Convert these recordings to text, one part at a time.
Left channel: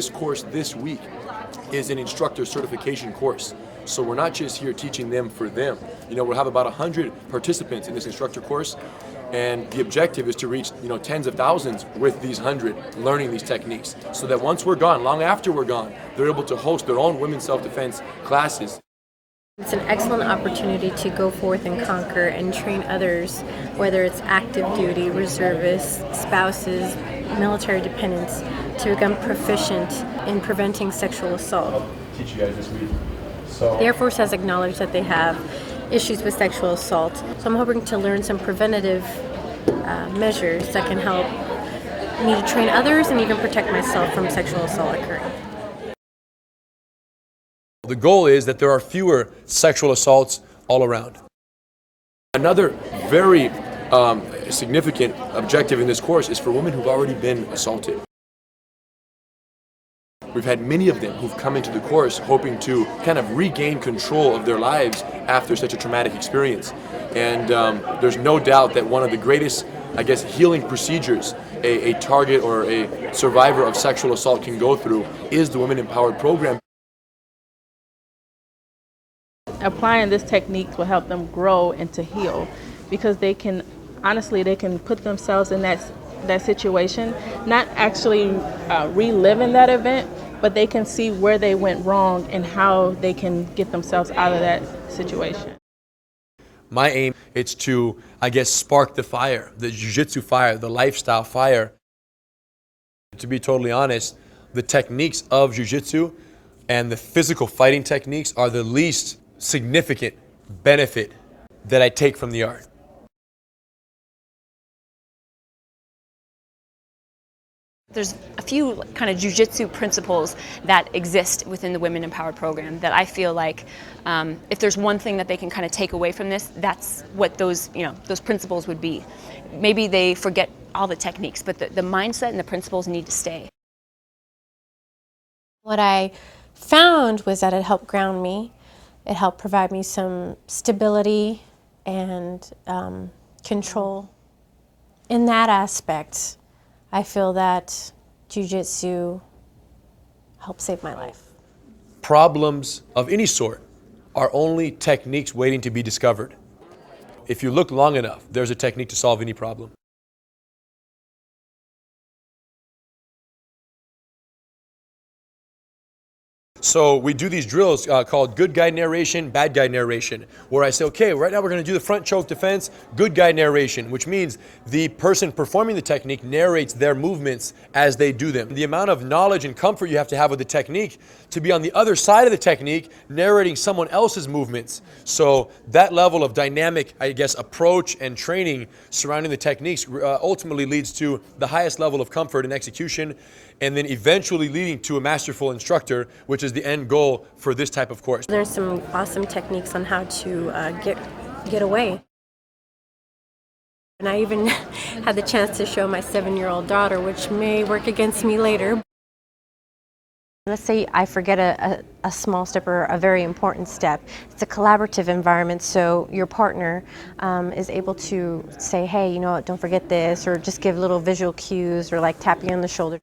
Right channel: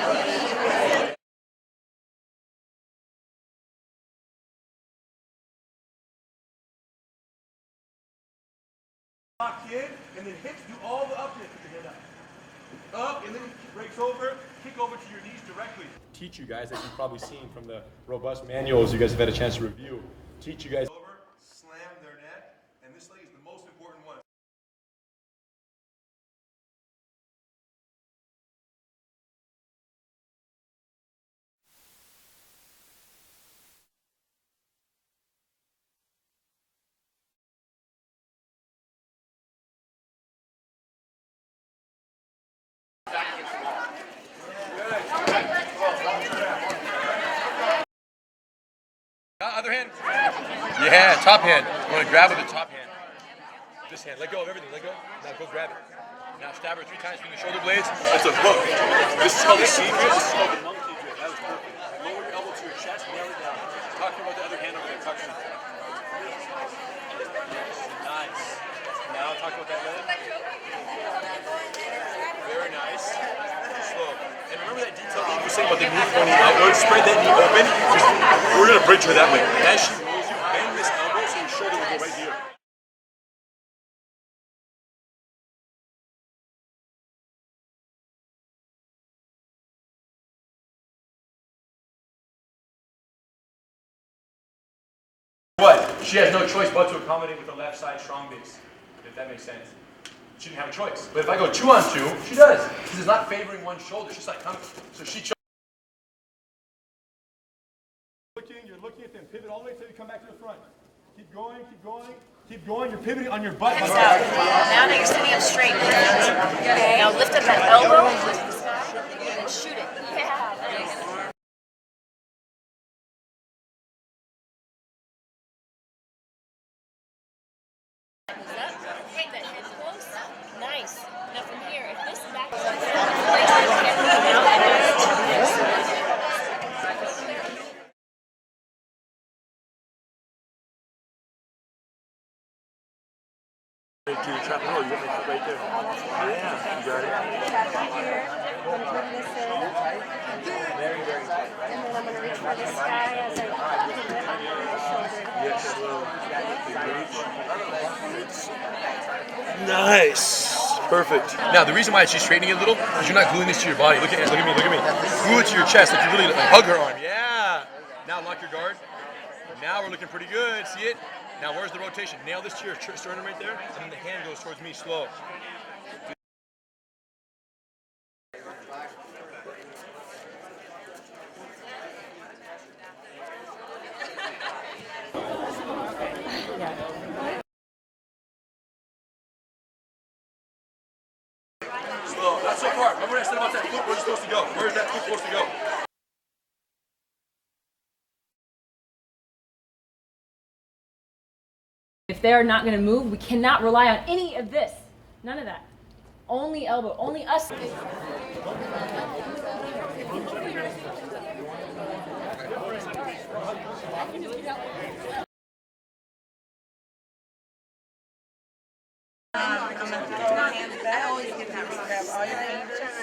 this course this week is an instructor certification course. So we're not just here teaching them for them. We'll have about 100 participants in this instructor course, and the objective is to reach tens of thousands with these 100 learning these techniques, so that once we're gone, long after we're gone, they're able to host their own women's self-defense classes. You guys have had a chance to... It's an excellent opportunity to go forth and conquer and train others, whether it's active duty, reservists, spouses, military dependents, to become proficient in preventing sexual assault. I'll teach you guys this week. The Air Force has acknowledged that they have issues with sexual assault, so I'm hoping to learn some preventative measures that can help me to train others and even protect myself from sexual assault occurring. The goal is that there are fewer sexual assaults all around. Yeah, top hand. You want to grab it? Another very significant objective in this course is for women who've already been assaulted. It's a hook. This is called the secrets. We've had many of them who've come into the course hoping to kind of regain control of their lives after such a traumatic experience. And there's no doubt that one of the greatest, healing procedures a target or a survivor of sexual assault can go through is the Women Empowered program. Don't spread that knee open. We're going to bridge her that way. Applying this technique will help them grow and to heal, because they can put themselves in that situation, not actually reliving that event, but they can see where they went wrong and how they can get themselves out of that situation. What? She has no choice. My aim is to, spark the fire, the jiu-jitsu fire, the lifestyle fire. She wants to. She does. To be totally honest, the techniques of jiu-jitsu and the physical fighting techniques are the least significant benefit that I take from the art. You're pivoting on your butt. Hands out. Now that you're sitting up straight. Okay. Now lift up that elbow. A few kind of jiu-jitsu principles that exist within the Women Empowered program that I feel like if there's one thing that they can kind of take away from this, that's what those principles would be. Maybe they forget all the techniques, but the mindset and the principles need to stay. What I found was that it helped ground me. It helped provide me some stability and control. In that aspect, I feel that Jiu-Jitsu helps it. Problems of any sort are only techniques waiting to be discovered. If you look long enough, there's a technique to solve any problem. Nice. Perfect. Now, the reason why she's straightening it a little is you're not gluing this to your body. Look at me. Glue it to your chest. Like you really hug her. So we do these drills called good guy narration, bad guy narration, where I say, okay, right now we're going to do the front choke defense, good guy narration, which means the person performing the technique narrates their movements as they do them. The amount of knowledge and comfort you have to have with the technique to be on the other side of the technique, narrating someone else's movements. So that level of dynamic, approach and training surrounding the techniques ultimately leads to the highest level of comfort and execution, and then eventually leading to a masterful instructor, which is the end goal for this type of course. There's some awesome techniques on how to get away. If they're not going to move, we cannot rely on. And I even had the chance to show my 7-year-old daughter, which may work against me later. Let's say I forget a small step or a very important step. It's a collaborative environment, so your partner is able to say, hey, you know what, don't forget this, or just give little visual cues, or like tap you on the shoulder.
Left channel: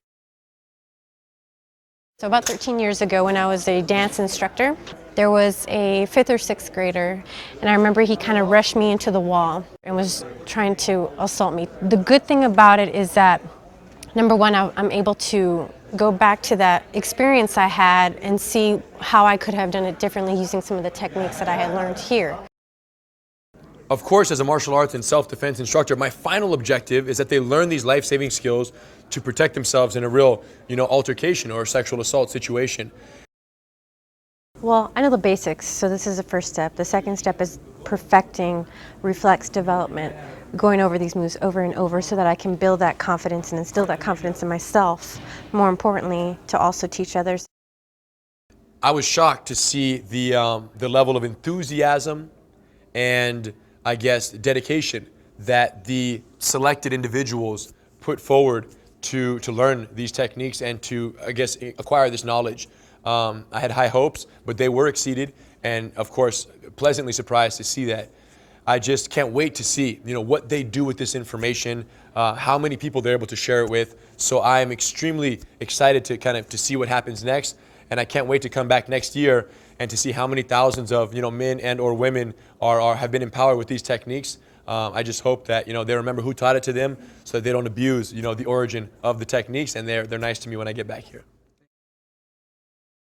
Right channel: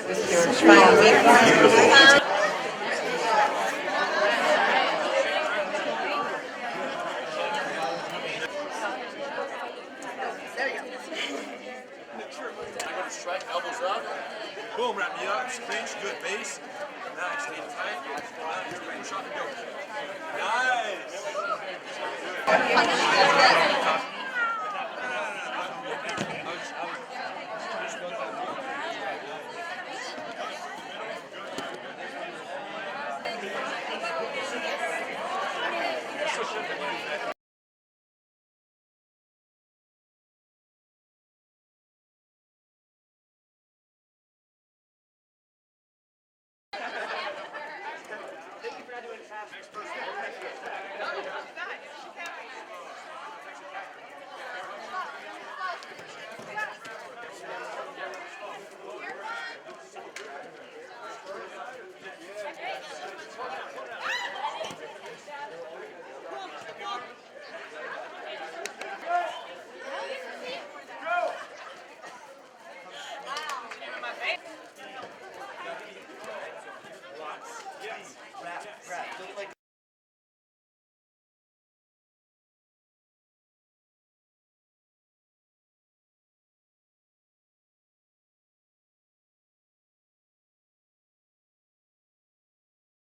About 13 years ago, when I was a dance instructor, there was a 5th or 6th grader, and I remember he kind of rushed me into the wall and was trying to assault me. The good thing about it is that number one, I'm able to go back to that experience I had and see how I could have done it differently using some of the techniques that I had learned here. Of course, as a martial arts and self-defense instructor, my final objective is that they learn these life-saving skills to protect themselves in a real, altercation or sexual assault situation. Well, I know the basics, so this is the first step. The second step is perfecting reflex development, going over these moves over and over so that I can build that confidence and instill that confidence in myself, more importantly, to also teach others. I was shocked to see the level of enthusiasm and, dedication that the selected individuals put forward to learn these techniques and to, acquire this knowledge. I had high hopes, but they were exceeded, and of course, pleasantly surprised to see that. I just can't wait to see, what they do with this information, how many people they're able to share it with. So I am extremely excited to see what happens next, and I can't wait to come back next year and to see how many thousands of men and or women have been empowered with these techniques. I just hope that they remember who taught it to them, so that they don't abuse the origin of the techniques, and they're nice to me when I get back here.